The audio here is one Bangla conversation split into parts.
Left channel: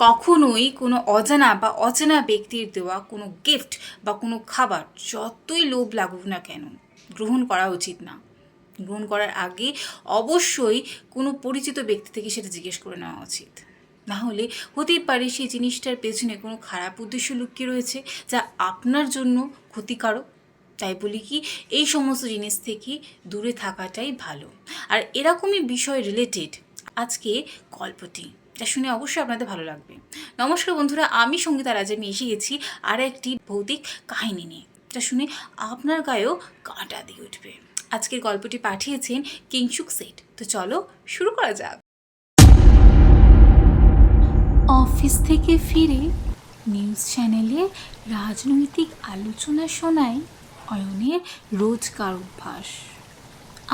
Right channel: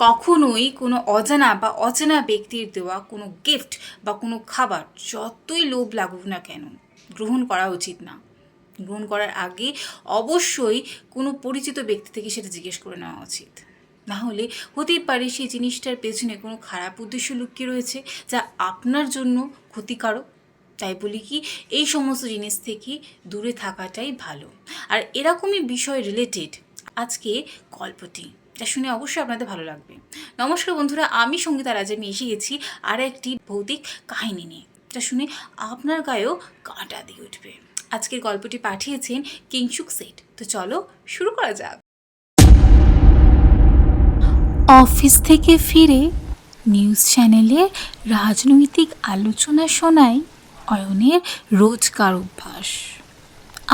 কখনোই কোনো অজানা বা অচেনা ব্যক্তির দেওয়া কোনো গিফট বা কোনো খাবার যতই লোভ লাগুক না কেন গ্রহণ করা উচিত না। গ্রহণ করার আগে অবশ্যই কোনো পরিচিত ব্যক্তি থেকে সেটা জিজ্ঞেস করে নেওয়া উচিত। না হলে হতেই পারে সেই জিনিসটার পেছনে কোনো খারাপ উদ্দেশ্য লুকিয়ে রয়েছে যা আপনার জন্য ক্ষতিকারক। তাই বলি কি, এই সমস্ত জিনিস থেকে দূরে থাকাটাই ভালো। আর এরকমই বিষয় রিলেটেড আজকে গল্পটি, যা শুনে অবশ্যই আপনাদের ভালো লাগবে। নমস্কার বন্ধুরা, আমি সঙ্গীতা রাজ। আমি এসে গেছি আর একটি ভৌতিক কাহিনী নিয়ে, যা শুনে আপনার গায়েও কাঁটা দিয়ে উঠবে। আজকের গল্পটি পাঠিয়েছেন কিংশুক সেট। তো চলো শুরু করা যাক। অফিস থেকে ফিরে নিউজ চ্যানেলে রাজনৈতিক আলোচনা শোনায় অয়নের রোজকার অভ্যাস।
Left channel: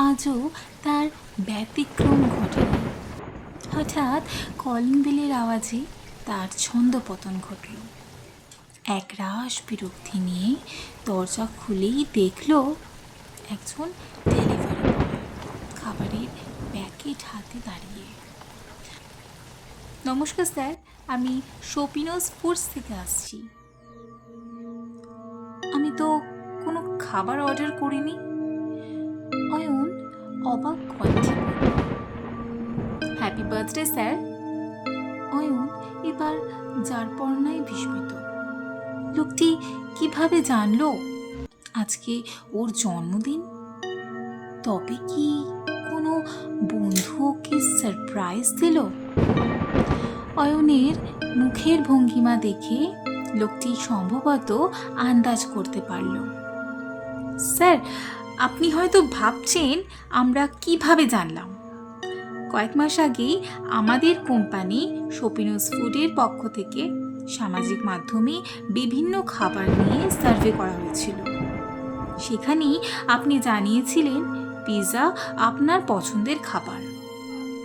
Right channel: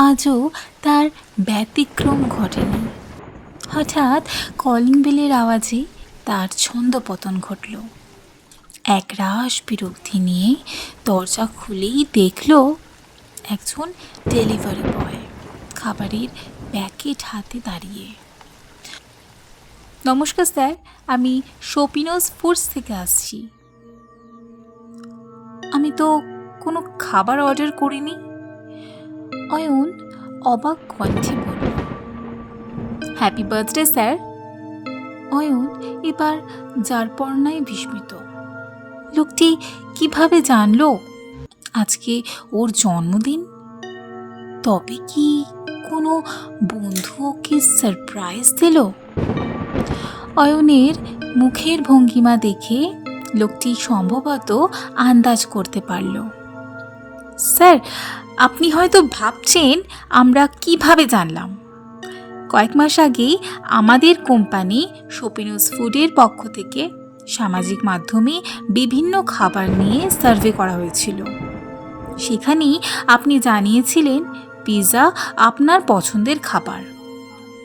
আজও তার ব্যতিক্রম ঘটেনি। হঠাৎ কলিং বেলের আওয়াজে তার ছন্দপতন ঘটল। এক রাশ বিরক্তি নিয়ে দরজা খুলেই দেখল একজন ডেলিভারি বয় খাবারের প্যাকেট হাতে দাঁড়িয়ে। নমস্কার স্যার, আমি শপিনোস ফুডস থেকে আসছি। আমি তো কোনো খাবার অর্ডার করিনি, অয়ন অবাক কণ্ঠে বলল। Happy birthday sir. অয়ন এবার যারপরনায় বিস্মিত। লোকটি কিভাবে জানলো আজকে ওর জন্মদিন? তবে কি কোনো বন্ধু ওকে সারপ্রাইজ দিল? অয়নের মুখের ভঙ্গিমা দেখে লোকটি সম্ভবত আন্দাজ করতে পারল। স্যার, আপনি হয়তো ভাবছেন আমরা কিভাবে জানলাম। কয়েক মাস আগেই আমাদের কোম্পানি শপিনোস ফুডের পক্ষ থেকে সামাজিক মাধ্যমে বিভিন্ন খাবার নিয়ে সার্ভে করা হয়েছিল। সেখানেই আপনি জানিয়েছিলেন পিৎজা আপনার পছন্দের খাবার।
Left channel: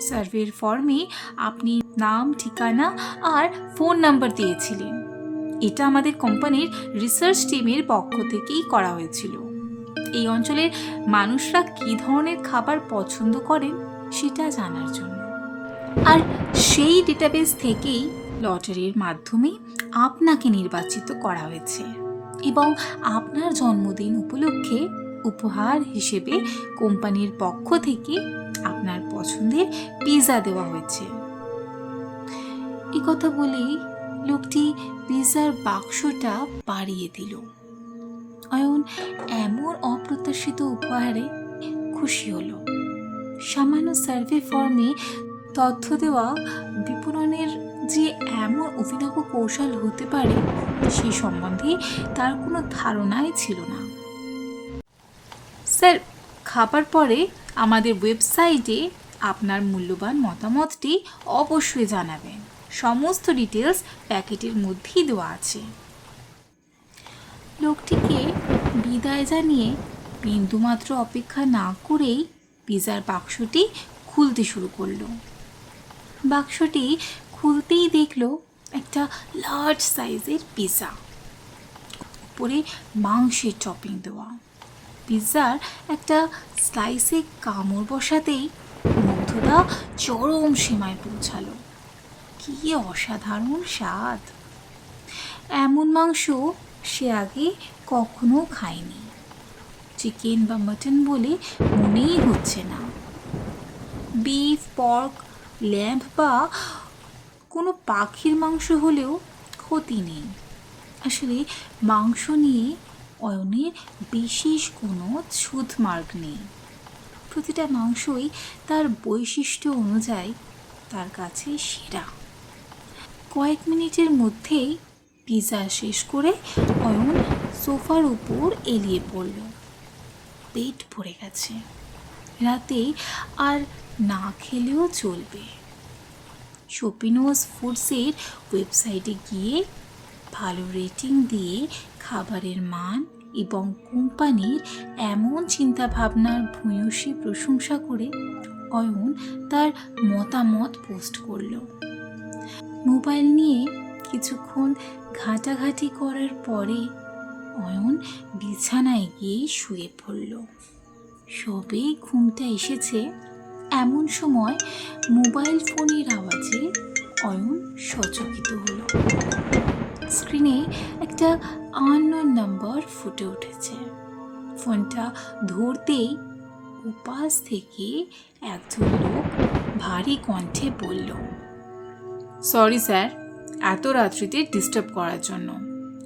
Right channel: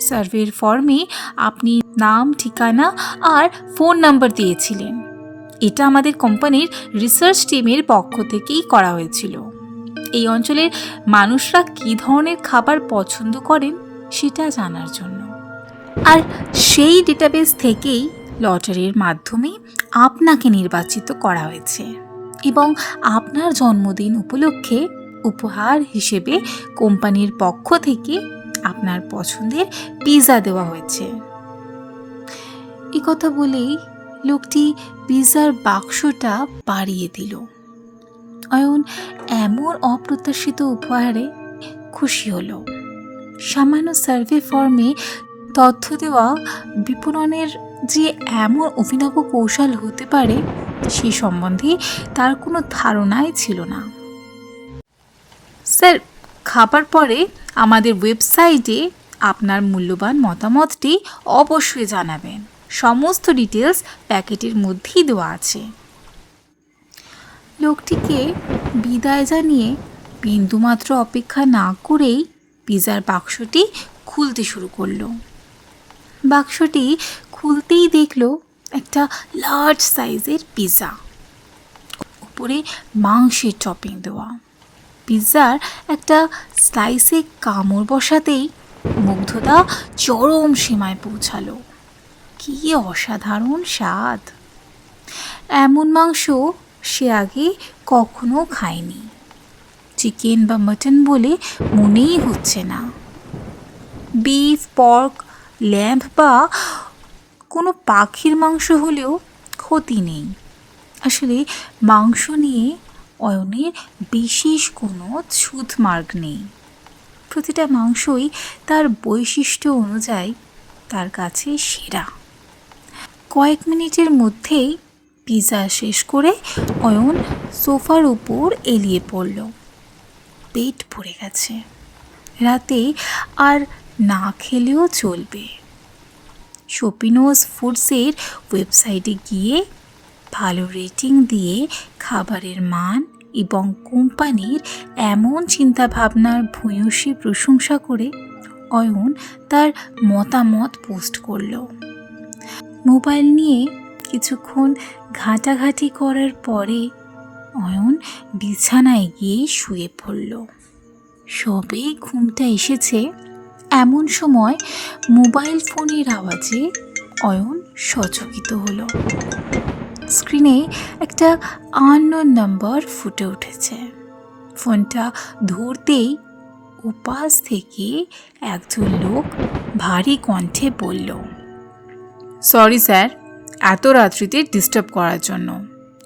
সার্ভের ফর্মে আপনি নাম, ঠিকানা আর ফোন নাম্বার দিয়েছিলেন। এটা আমাদের কোম্পানির রিসার্চ টিমের পক্ষ থেকেই করা হয়েছিল, এই অঞ্চলের মানুষরা কী ধরনের খাবার পছন্দ করেন সেটা জানার জন্য। আর সেই ডেটাবেস থেকেই লটারির মাধ্যমে আপনাকে নির্বাচিত করা হয়েছে এবং আপনার জন্মদিন উপলক্ষে উপহার হিসেবে কোম্পানির পক্ষ থেকে আপনার পছন্দের পিৎজা দেওয়া হয়েছে। এই কথা বলেই লোকটি পিৎজার বাক্সটা বাড়িয়ে দিল। অয়ন এমন অপ্রত্যাশিত উপহারে খুশি হলো। সামান্য সার্ভে ফর্মে তথ্য দেওয়া বিপণনের যে এমন অভিনব কৌশল হতে পারে সে সম্বন্ধে তার কোনো ধারণাই ছিল না। স্যার, খাবার পরে আমাদের ওয়েবসাইটে আপনার মূল্যবান মতামতটি অবশ্যই জানাবেন। সমস্ত ডিটেলস প্যাকেটের মধ্যেই দেওয়া আছে। লোকটিকে বিদায় জানিয়ে বিন্দুমাত্র অপেক্ষা না করেই পিৎজার বাক্সটি খুলতে শুরু করলো। বাক্সটি খুলতেই দেখলো একটা লার্জ সাইজের পিৎজা, উপরে মাংসের টপিং দেওয়া। পিৎজার একটা স্লাইসে কামড় বসাতেই মুগ্ধতা চরম সীমায় পৌঁছালো। কি অসাধারণ স্বাদ! এমন মাংস সে আগে কখনো খায়নি। চিকেন বা মাটন বলে মনেই হচ্ছে না। বিফ, পর্ক, ল্যাম্ব বা কোনো পাখির মাংস হলেও ক্ষতি নেই। আসলে মাংস নিয়ে অয়নের বিশেষ কোনো ছুঁতমার্গ নেই। প্রতিটা মাংসই তার বৈশিষ্ট্য অনুযায়ী তার কাছে সেরা। কয়েক মিনিটের মধ্যেই পিৎজা শেষ করে অয়ন সোফার উপর এলিয়ে পড়ল। পেট ভরে গেছে, রাতে আর না খেলেও চলবে। শপিনোস ফুডসের ওয়েবসাইটে গিয়ে ভালো রেটিং দিয়ে খাবারের মান এবং কোম্পানির এমন চিন্তাভাবনার ভূয়সী প্রশংসা করে অয়ন তার মতামত পোস্ট করল। মোবাইল নিয়ে কিছুক্ষণ ঘাঁটাঘাঁটি করার পরে অয়ন বিছানায় গিয়ে শুয়ে পড়ল। সবেই ঘুমটা এসেছে এমন সময় মোবাইল ফোনের আওয়াজে অয়ন সচকিত হলো। স্ক্রিনে একটা আননোন নাম্বার ফুটে উঠেছে। ফোনটা ধরতেই উপাস থেকে একজন লোক ভারী কণ্ঠে বলল, সরি স্যার, এত রাত্রিতে ডিস্টার্ব করার জন্য।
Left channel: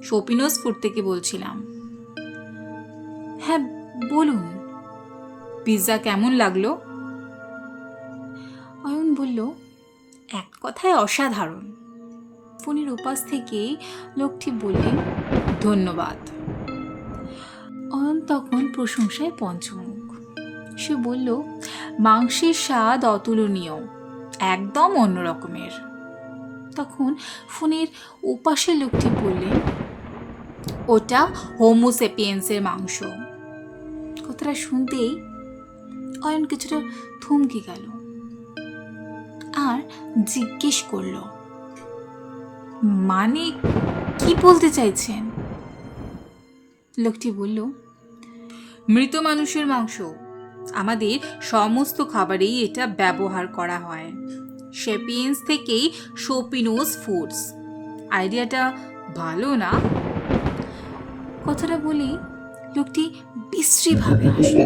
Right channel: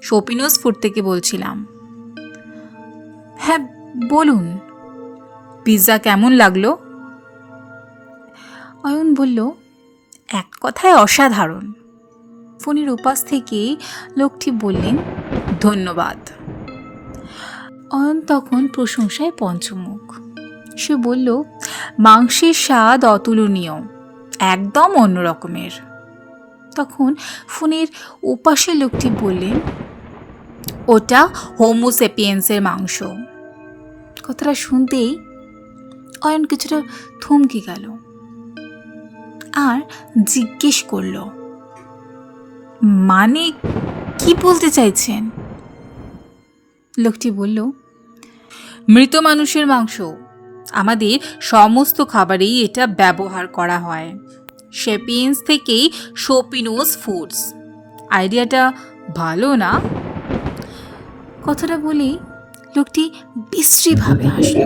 শপিনোস ফুড থেকে বলছিলাম। হ্যাঁ বলুন, পিৎজা কেমন লাগলো? অয়ন বলল, এক কথায় অসাধারণ। ফোনের ওপাশ থেকে লোকটি বললেন, ধন্যবাদ। অয়ন তখন প্রশংসায় পঞ্চমুখ। সে বলল, মাংসের স্বাদ অতুলনীয়, একদম অন্য রকমের। তখন ফোনের ওপাশে লোকটি বললেন, ওটা হোমো সেপিয়েন্সের মাংস। কথাটা শুনতেই অয়ন কিছুটা থমকে গেল আর জিজ্ঞেস করল, মানে কি বলতে চাইছেন? লোকটি বলল, মৃত মানুষের মাংস। আমাদের সমস্ত খাবারেই এটা ব্যবহার করা হয়। সেপিয়েন্স থেকেই শপিনোস ফুডস। আইডিয়াটা ভালো না? কথাটা বলি লোকটি বিশ্রীভাবে হাসল।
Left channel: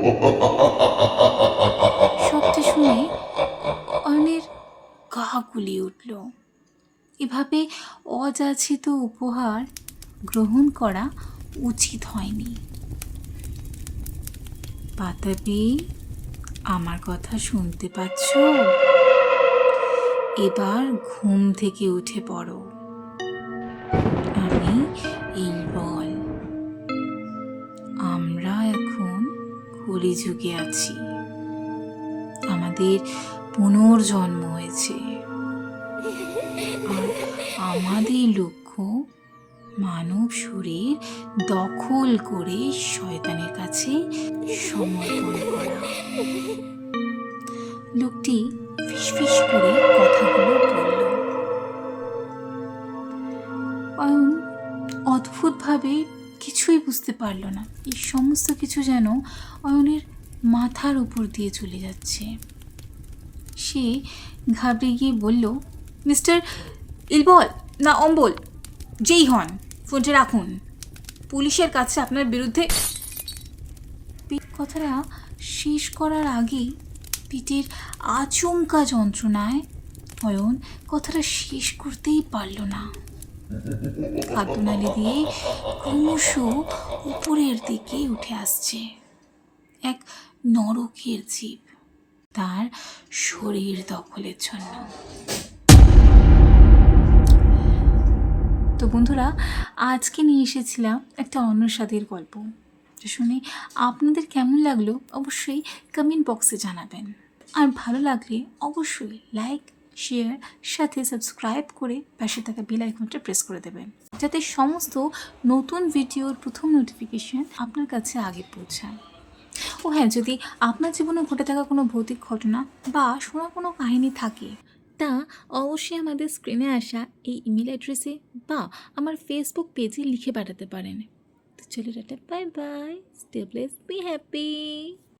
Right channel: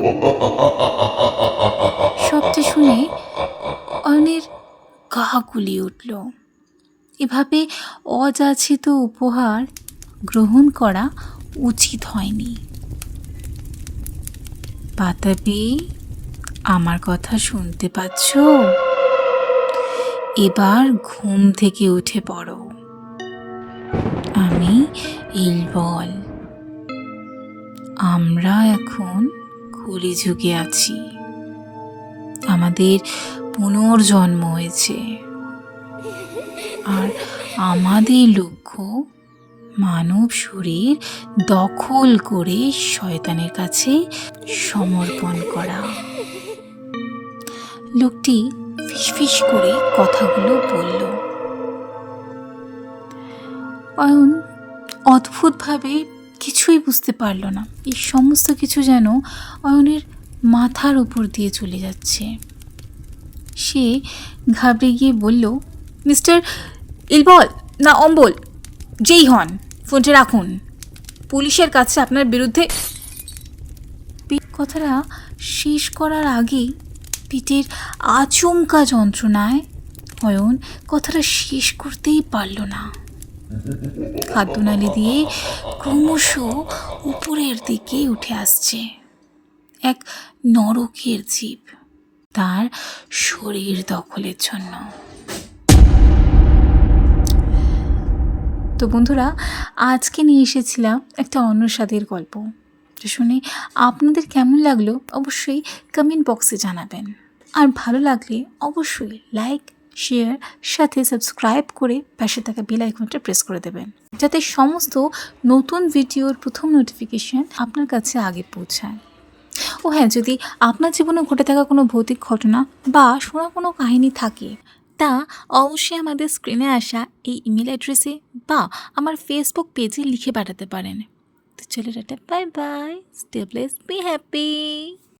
সবটা শুনে অয়নের গা গুলিয়ে উঠল। এভাবে অযাচিত উপহার গ্রহণ করা উচিত হয়নি। পাতাবি, আমার কথা শুনতে পাচ্ছ? এবার ঘুম থেকে উঠে পড়ো। আমি ইলবল। আমরা এখন কলিযুগে আছি। আমাদের পুনর্জন্ম হয়েছে, আর আমাদের লক্ষ্য মানব শরীর দখল করে শয়তানের কাছে সমর্পণ করা। লোকটি ফিসফিস করে কথাগুলো বলল। অয়ন অদ্ভুতভাবে কিছুই বুঝতে পারল না। এই সমস্ত কিছু যেন অয়নের মাথার উপর দিয়ে চলে যাচ্ছে। সে ঘাবড়ে গিয়ে বলল, মিস্টার ইলবল না অম্বল, যেই হন, ফোনটা রাখুন। পুলিশের কাছে আপনার বিরুদ্ধে। কথাটা শেষ করার আগেই পেটের আচমকা যন্ত্রণায় অয়ন কথাটা শেষ করতেই পারল না। খাদ্যনালী দিয়ে ক্রমশ উপরের দিকে উঠে আসছে এক নরকের জীব তার শরীর দখলের জন্য। তো বন্ধুরা, আজকে নিয়ে এসেছিলাম একটা অন্য স্বাদের গল্প। শুনে আপনাদের কেমন লাগলো অবশ্যই কমেন্ট বক্সে জানাবেন। আর ভালো লাগলে অবশ্যই লাইক, শেয়ার, সাথে সাবস্ক্রাইব করে পাশে থাকা বেল আইকনটা প্রেস করে দেবেন, যাতে সমস্ত নতুন ভিডিওর প্রথম নোটিফিকেশান আপনার কাছে আগে পৌঁছায়। ও হ্যাঁ, যদি আপনার জীবনে ঘটে থাকা কোনো ভৌতিক ঘটনা বা শোনা কোনো কাহিনী থাকে, তা অবশ্যই আমাদের স্ক্রিনে আসা এই ইমেল অ্যাড্রেসে বা আমার ফেসবুক পেজে লিখে পাঠাতে পারেন। তো চলো tata, bye bye, stay blessed, be happy.